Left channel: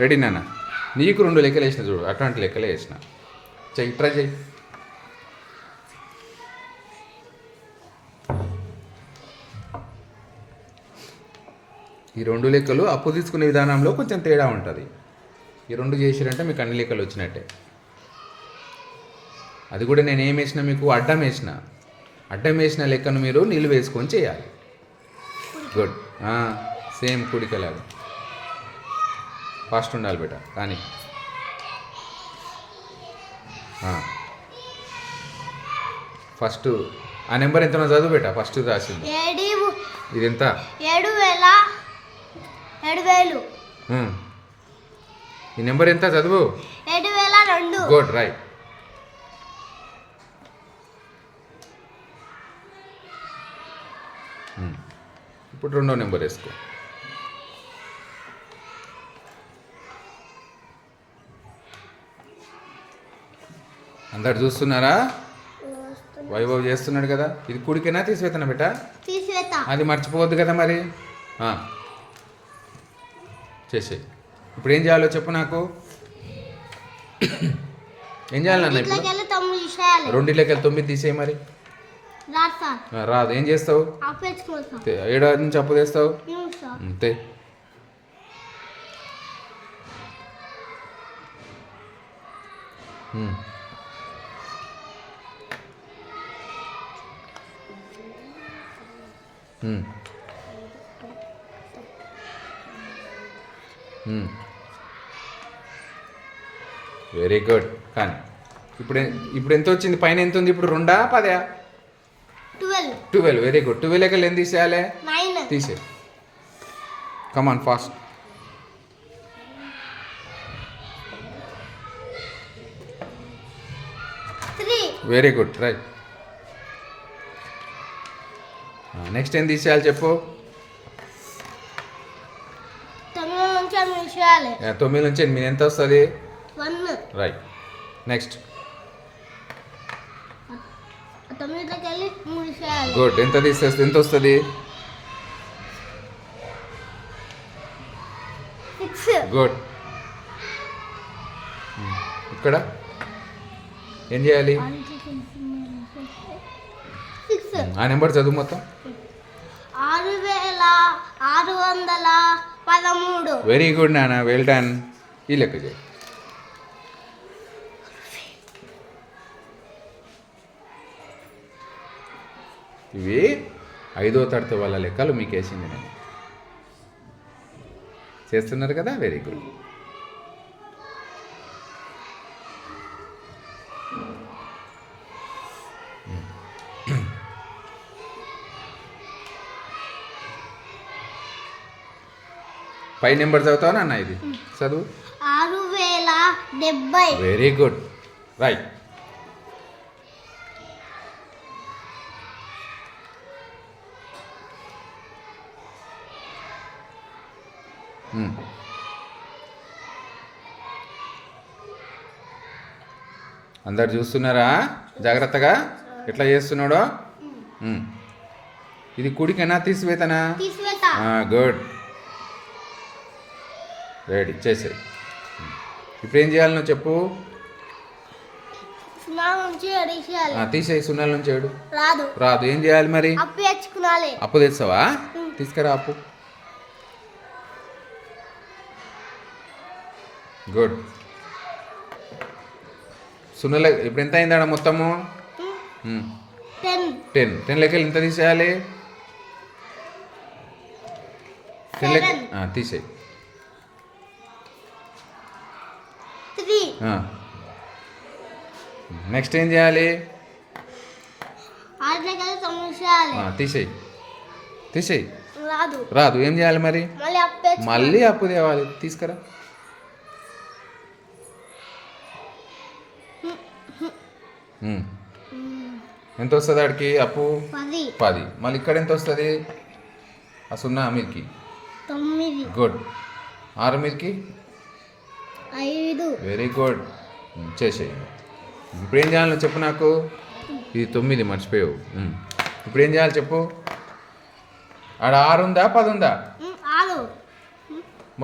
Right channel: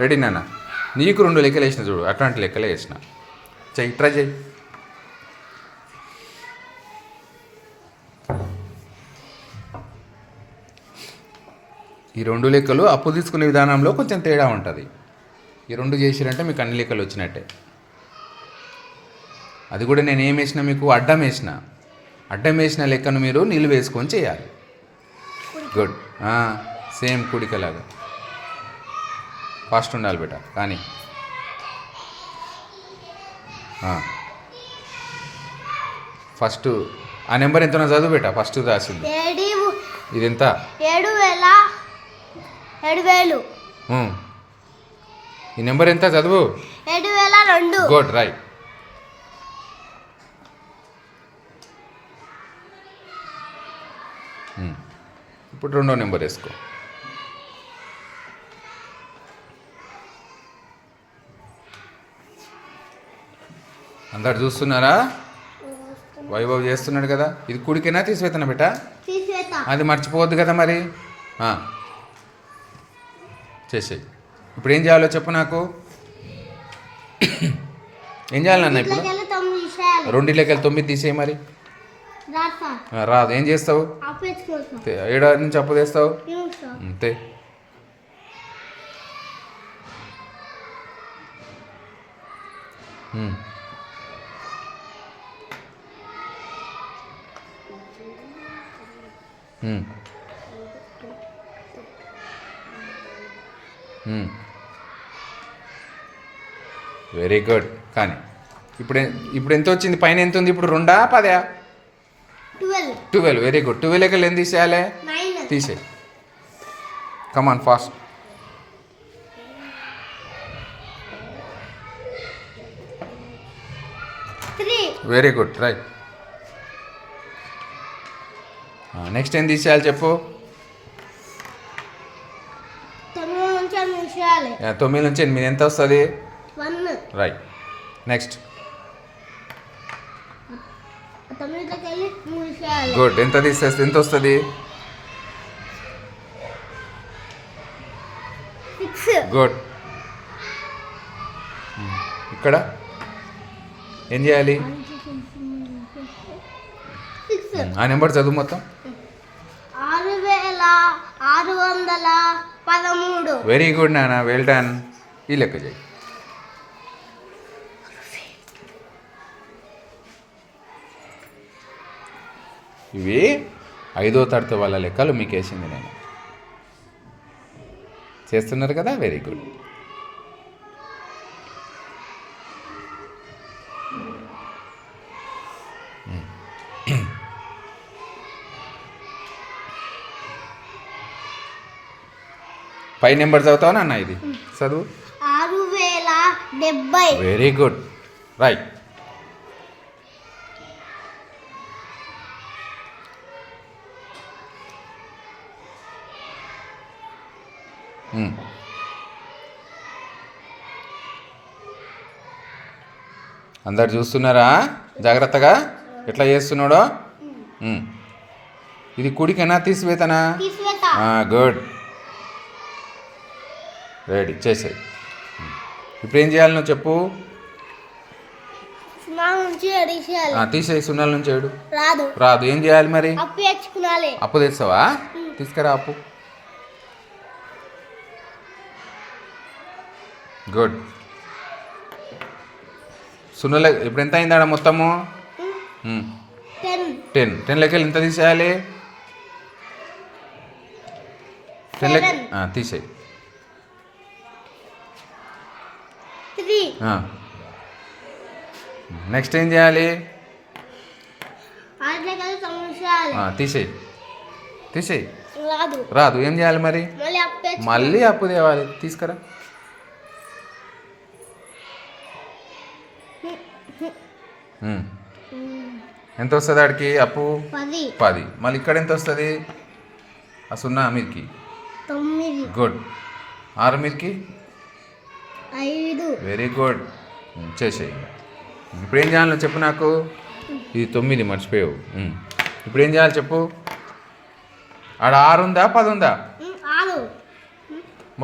Ready నాన్న. నీకు 2 లెక్కలు వేసిన చూడు, అట్లాంటి లెక్కలే వేసిన. చెయ్యి, ట్రై చెయ్యి. ఈ 2 లెక్కలు అప్పు తీసుకునే విధానంలో కొంచెం తేడా ఉంటుంది. ఈ 2 చేసిరంటే మీకు అన్ని లెక్కలు వచ్చినట్టే. అది కూడా నేను ఏం వేసిన, మీకు అడ్డం వేసిన. అడ్డం వేసిన లెక్కను మీరు నిలువ వేసుకొని చేయాలి. గుడ్. సేమ్ కుడికలాగా ఫాస్ట్ ఉండాలి బేట. కానీ ఫస్ట్ ఆ నెంబర్ ఎంతనో చదువు బేట. ఫస్ట్ రాసింది ఇది ఎంత? 7,000. ఈ నెంబర్ ఎంత చదువు? 7,002. Good, right. ఇప్పుడు 2వ నెంబర్ వేసుకో. అందరు చూస్తున్నారా? వైభవ్ చేస్తున్నాడు కదా. ఇది కుడికైనా తీసివేతనా బేట? అది మర్చిపోవద్దు కదా మరి. చేసేయి. ఇప్పుడు ఏం చేయాలో చెప్పు నాకు. ఏం చేయాలన్నా ఇప్పుడు? 2 లెక్కలు 9 తీసేయి మరి. రాదు. ఏం చేస్తావు? 7 నుంచి అప్పు తెస్తావు. అంతే. Very good. కానీ ఇప్పుడు ఎంత వచ్చింది? పైన ఎంత ఉంది ఇప్పుడు? 2 10? 12. Very good. 12 లెక్కలు ఏం తీసేయాలి? తీసేయి. Come on fast. Very good, right. Next ఏం తీసేయాలి చెప్పు? 9 నుంచి 8 ఎంత వస్తుంది? 1. రైట్. నెక్స్ట్. గుడ్. ఎంత తీసేస్తే ఎంత వస్తుంది? 6. గుడ్. ఇక్కడ ఏం చేయాలి? ఆ నెంబర్ చదువు మొత్తం. 6,613. వెరీ గుడ్ నాన్న, వెల్ డన్. ఈ లెక్క చేయి. ఇవి 5వ తరగతి వాళ్ళ లెక్కలు మీకు వేసింది నేను. చేస్తున్నారు కదా, వెరీ గుడ్. పై నెంబర్ చదువుతావా నాన్న? ఇది చదువు. 6,070. Very good, right. అందరు చూస్తున్నారా జాగ్రత్తగా ఎట్లా చేస్తున్నాడో? ఇది కుడికైనా తీసివేతనా? Good, ready. చేసేది. ఇప్పుడు ఏం చేయాలి నువ్వు చెప్పు? తీసేయి. 0 నుంచి 7 రాదు. ఏం చేయాలి మరి? అప్పు తెస్తావా? తీసుకురా అప్పు. గుడ్. 0 ఇప్పుడు ఎంత అయిందాడ మొత్తము? 10 లెక్కలు ఎంత తీసేయాలి? 10 లెక్క తీసేయి. 3. నెక్స్ట్ ఏం చేయాలి? 6 లెక్కలు తీసేయి. తీసేయి. రాదు. రాదు. ఏం చేయాలి మరి? మళ్ళీ అప్పు తేవాలి. తీసుకురా. ఎంత వస్తుంది ఆడికి అప్పు? 10. మళ్ళీ ఇక్కడ ఎంత వస్తుంది? ఆ 0 మీదకి 9. గుడ్. 6 మీదకి 5. Very good. చేసేయి. ఇప్పుడు ఏం చేయాలి చెప్పు నాకు? ఇది 9 మర్చిపోయావు. ఇప్పుడు ఏం చేయాలి చెప్పు? ఆడ 6 ఉందా 10 ఉందా?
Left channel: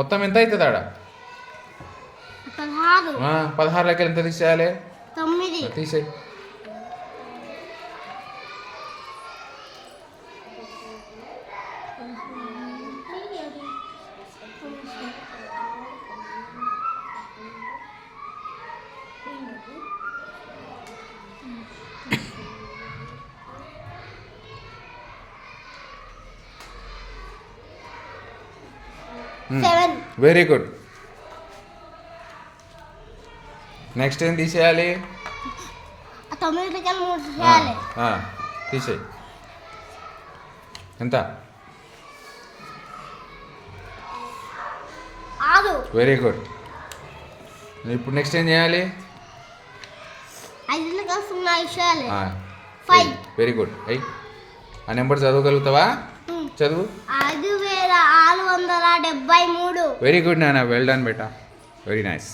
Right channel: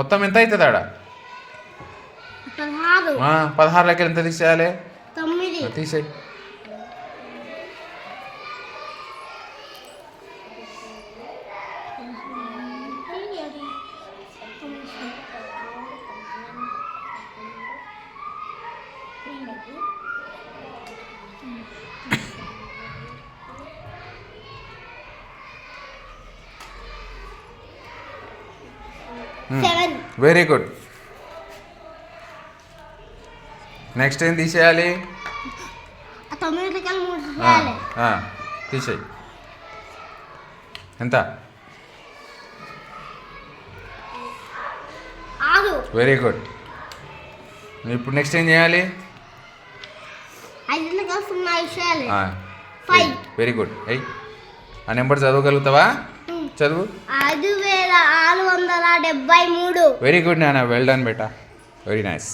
మొత్తం ఎంత అవుతుంది ఆడ? 16 16లోకి ఎంత తీసేయాలి 9 తీసేయి. Seven very good. నెక్స్ట్ ఏం తీసేయాలి 9 లెక్కలు 3 చేయాలి. తీసేయి. ఎంత 6 వెరీ గుడ్. ఇప్పుడు నెక్స్ట్ ఏం చేయాలి 5 లెక్కలు 0 చేయాలి. 5 వెరీ గుడ్. ఆ నెంబర్ చదవగలుగుతావా? చదువు. 5673 వెరీ గుడ్ నాన్న, వెల్ డన్ బేటా, వెరీ నైస్.